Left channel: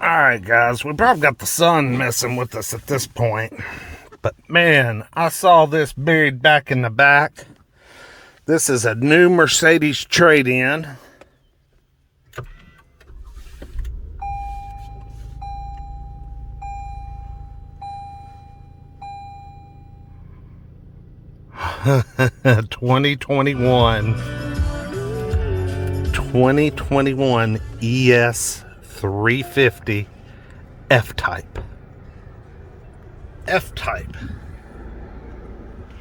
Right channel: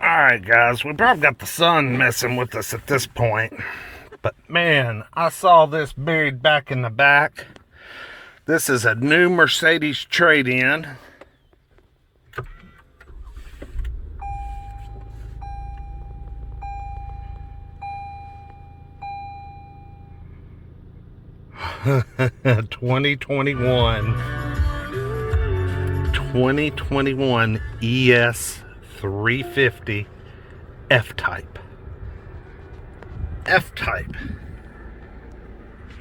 Alright guys, we probably got the sun messing with us at this point. But man, I saw this buried back in the back. This is a new Mercedes trade-in. ...2021 ES350 F-Type. F-Type.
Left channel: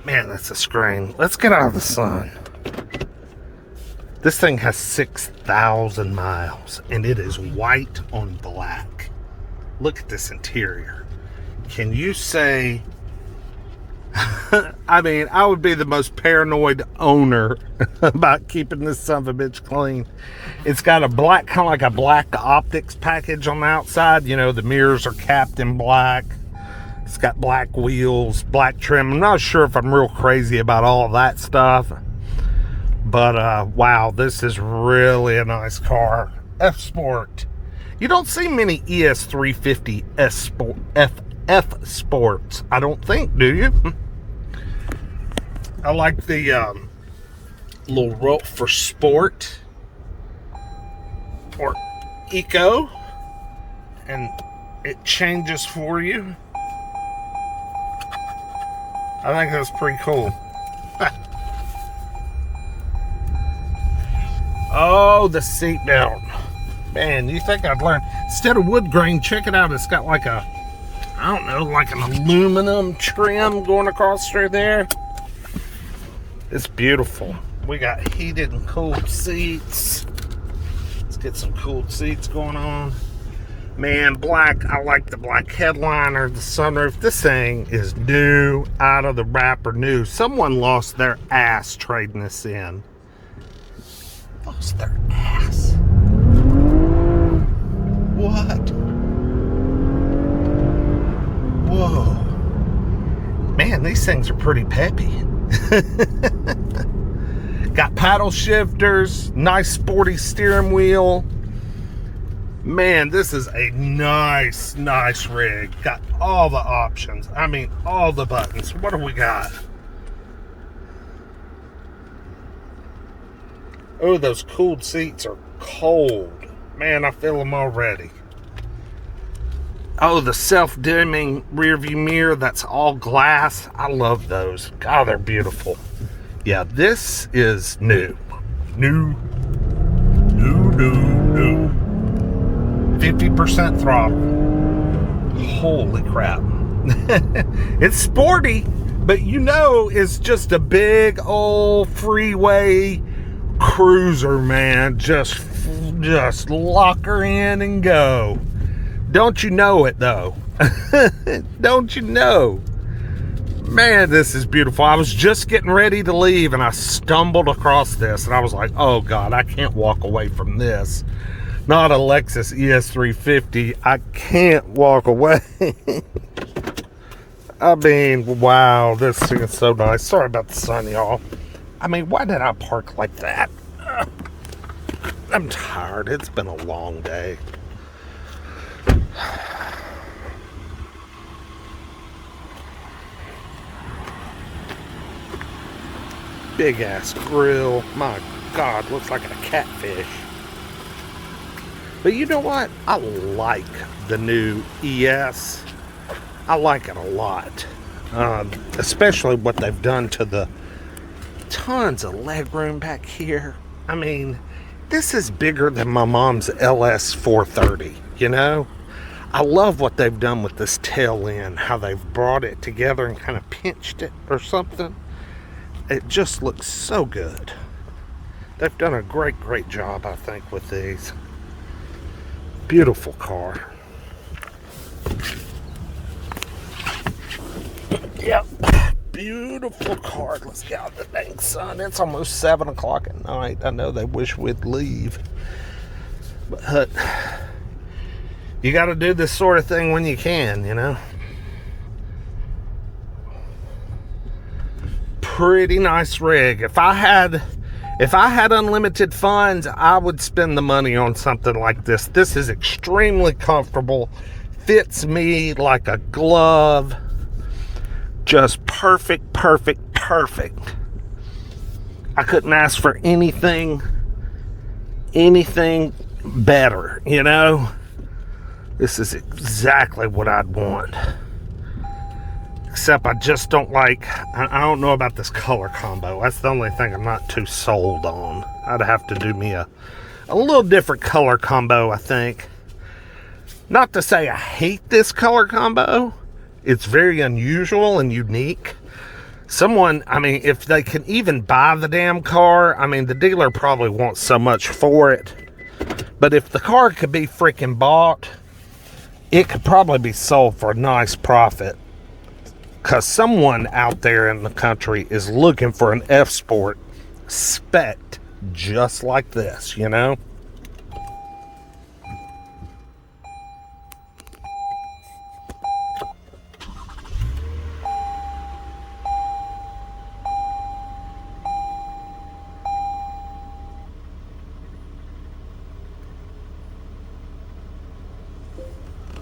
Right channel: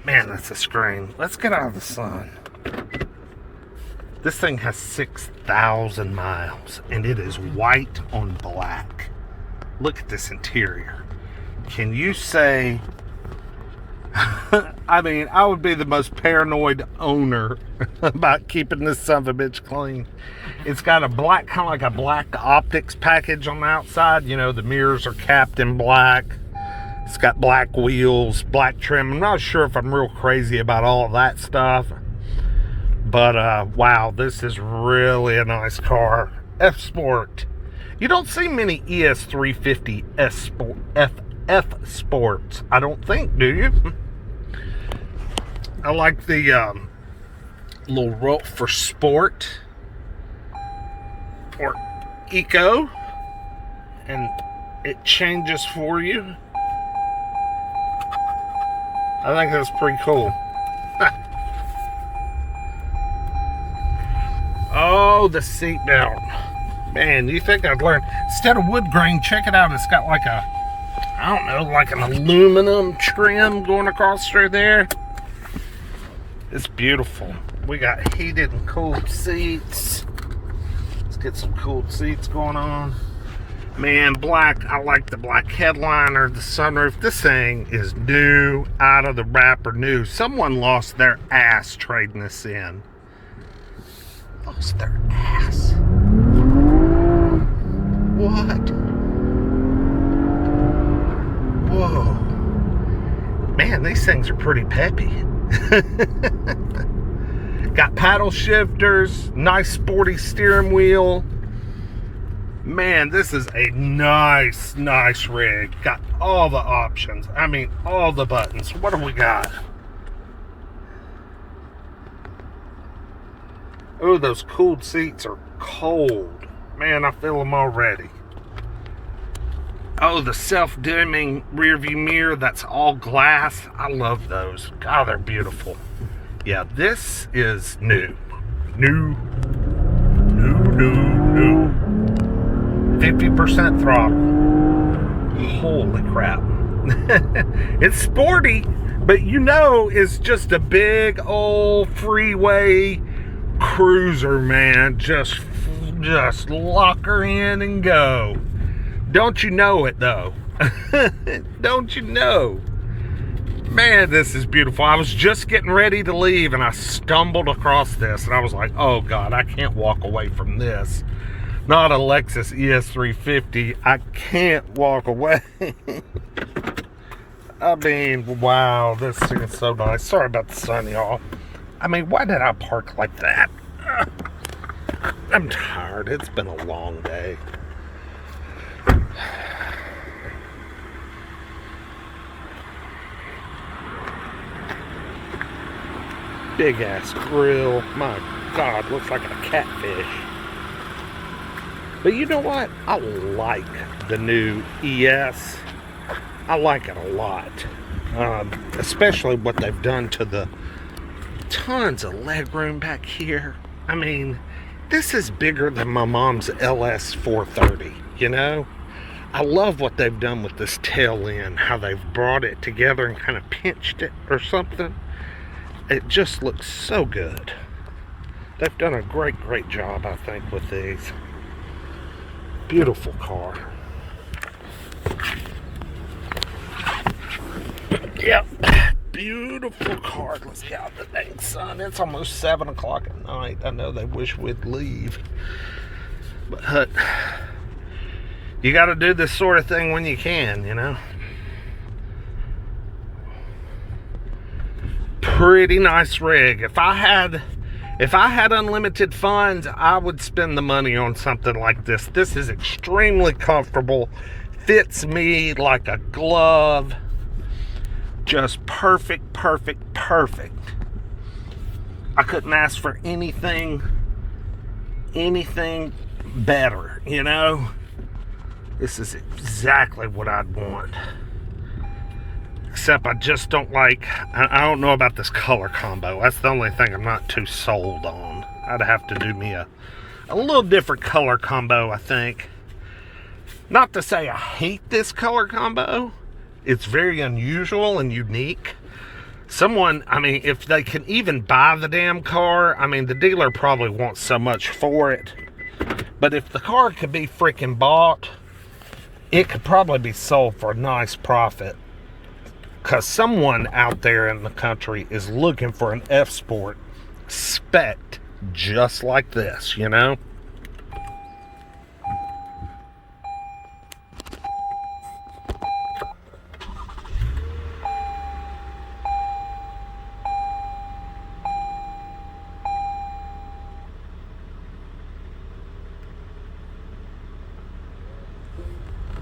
Man, that's a screen. Let's get out of the sun. This thing has 6,000 miles, and it is white on black. Look at this interior. Can you say... I mean, I would be the most paranoid owner about keeping this son of a bitch clean. It's got a black, kind of like a black optics package on the outside. You know, the mirrors are capped in black. It's got black wheels, black trim. I'm not sure if I'm real crazy about all of that stuff. But, wow, this is really a nice car. F Sport. You don't see many ES350 S Sport, F Sports, I don't think, do you? I like the little rope for sport or eco, and it changes for you. I think that's pretty cool. Oh, the seat belt. Man, you think I'd learn? Instead of wood grain, check it out. It's got like a, I don't know, like an aluminum trim going across through there. It's beautiful. We got heated and cooled seats. Let's get some cooled seats going on. Man, black, I like the black headliner, the sunroof. This thing is new, out of the wrapper new. Someone lost their ass trading this in. Lost their ass. What? Whoa. Man, these things are pretty peppy. Got paddle shifters, nice sporty steering wheel. Man, this is a nice rig. Got all the options. I mean, all the buttons. What do we got? Oh, those cooled seats are cold. Man, I feel them already. Oh, the self-dimming rear view mirror, that's all glass. I love those. God, they're beautiful. Yeah, this is new. New. 50% throttle. Holy crap. It's sporty, but you know it's just a big old freeway cruiser, man. Just lock her in and go. Don't you know it, though? Don't you know? Man, this is beautiful. I was just getting ready to leave, and I stumbled across this, and I was like, oh, God, I can't walk away from this. Not a Lexus ES350. I can't walk away. I mean, wow, this thing is so nice. Sorry about the sun, y'all. I mean, why did I park like that? I'm tired. It's been a long day. Big ass grill. My God, looks like a catfish. But you know what? I like the new ES. I like it a lot. Especially what they've done to the tons of leg room back here. I mean, this is bigger than my mom's LS 430, you know? I love what they've done with this tail end, how they've brought it together and kind of pinched it or something. It just looks so good. They've done a great job, I think, with these. Beautiful car. Yep. Beautiful car. Let's get out the dang sun. It's almost 7 o'clock at night. I know they wish we'd leave. But you got to do this sort of thing when you can, you know. Pretty nice rig. If If I had unlimited funds, I would spend the money on something like this. This is extremely comfortable. Fits me like a glove. Just perfect, perfect, perfect. I couldn't ask for anything better, you know? This is exactly what I'd want. Except I just don't like, I don't know about this color combo. That's the only thing I'm not too sold on. I'd have to do me a little different color combo, I think. Not to say I hate this color combo. It's very unusual and unique. Someone, I mean, if they can even buy the damn car, I mean, the dealer probably wants so much for it. But if the car could be freaking bought, it could probably be sold for a nice profit. Because someone out there in the country is looking for an F Sport spec just like this, you know?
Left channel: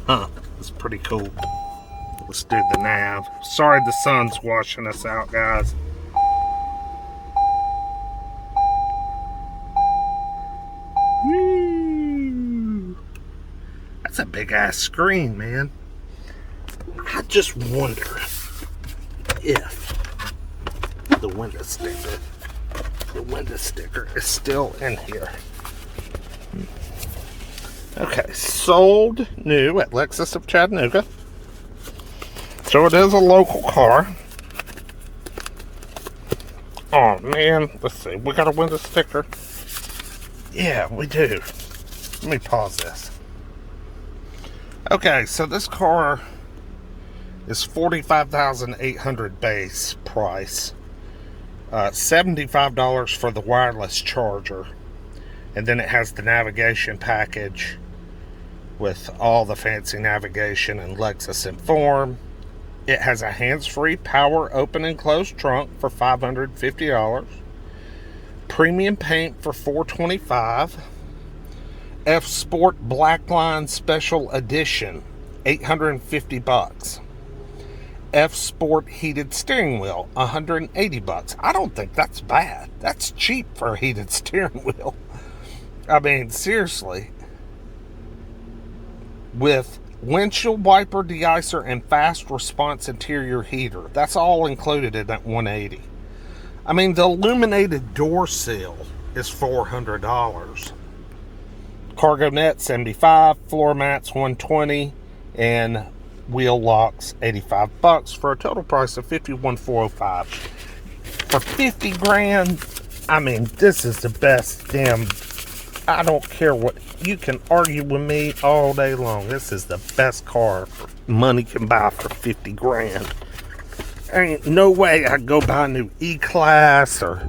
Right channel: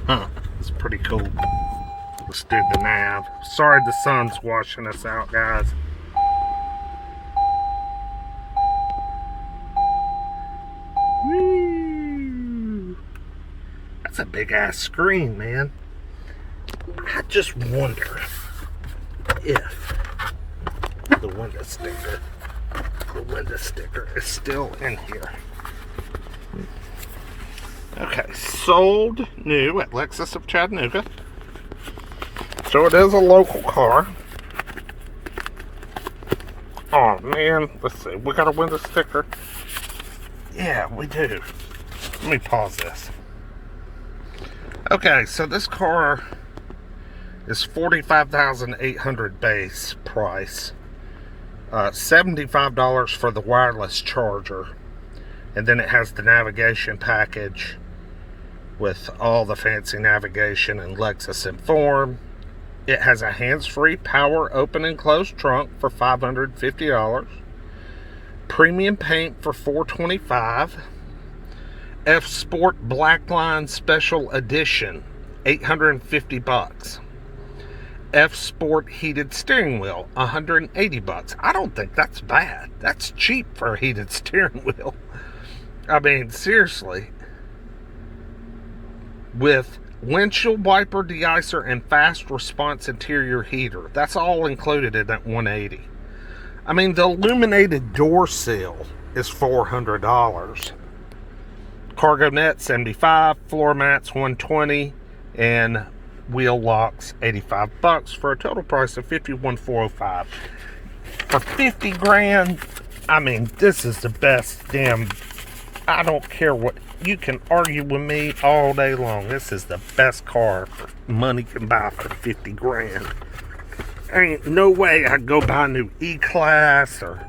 Huh, that's pretty cool. Let's do the nav. Sorry the sun's washing us out, guys. Woo. That's a big ass screen, man. I just wonder if the window sticker is still in here. Okay, sold new at Lexus of Chattanooga. So it is a local car. Oh man, let's see. We got a window sticker. Yeah, we do. Let me pause this. Okay, so this car is $45,800 base price. $75 for the wireless charger. And then it has the navigation package with all the fancy navigation and Lexus Inform. It has a hands-free power open and close trunk for $550. Premium paint for $425. F Sport Blackline Special Edition, $850. F Sport heated steering wheel, $180. I don't think that's bad. That's cheap for a heated steering wheel. I mean, seriously. With windshield wiper deicer and fast response interior heater. That's all included in that $180. I mean, the illuminated door sill is $400. Cargo net $75, floor mats $120, and wheel locks $85 for a total price of $51,405. For 50 grand, I mean, this is the best damn. I don't care what, you can argue with me all day long. This is the best car money can buy for 50 grand. Ain't no way I'd go buy a new E-Class or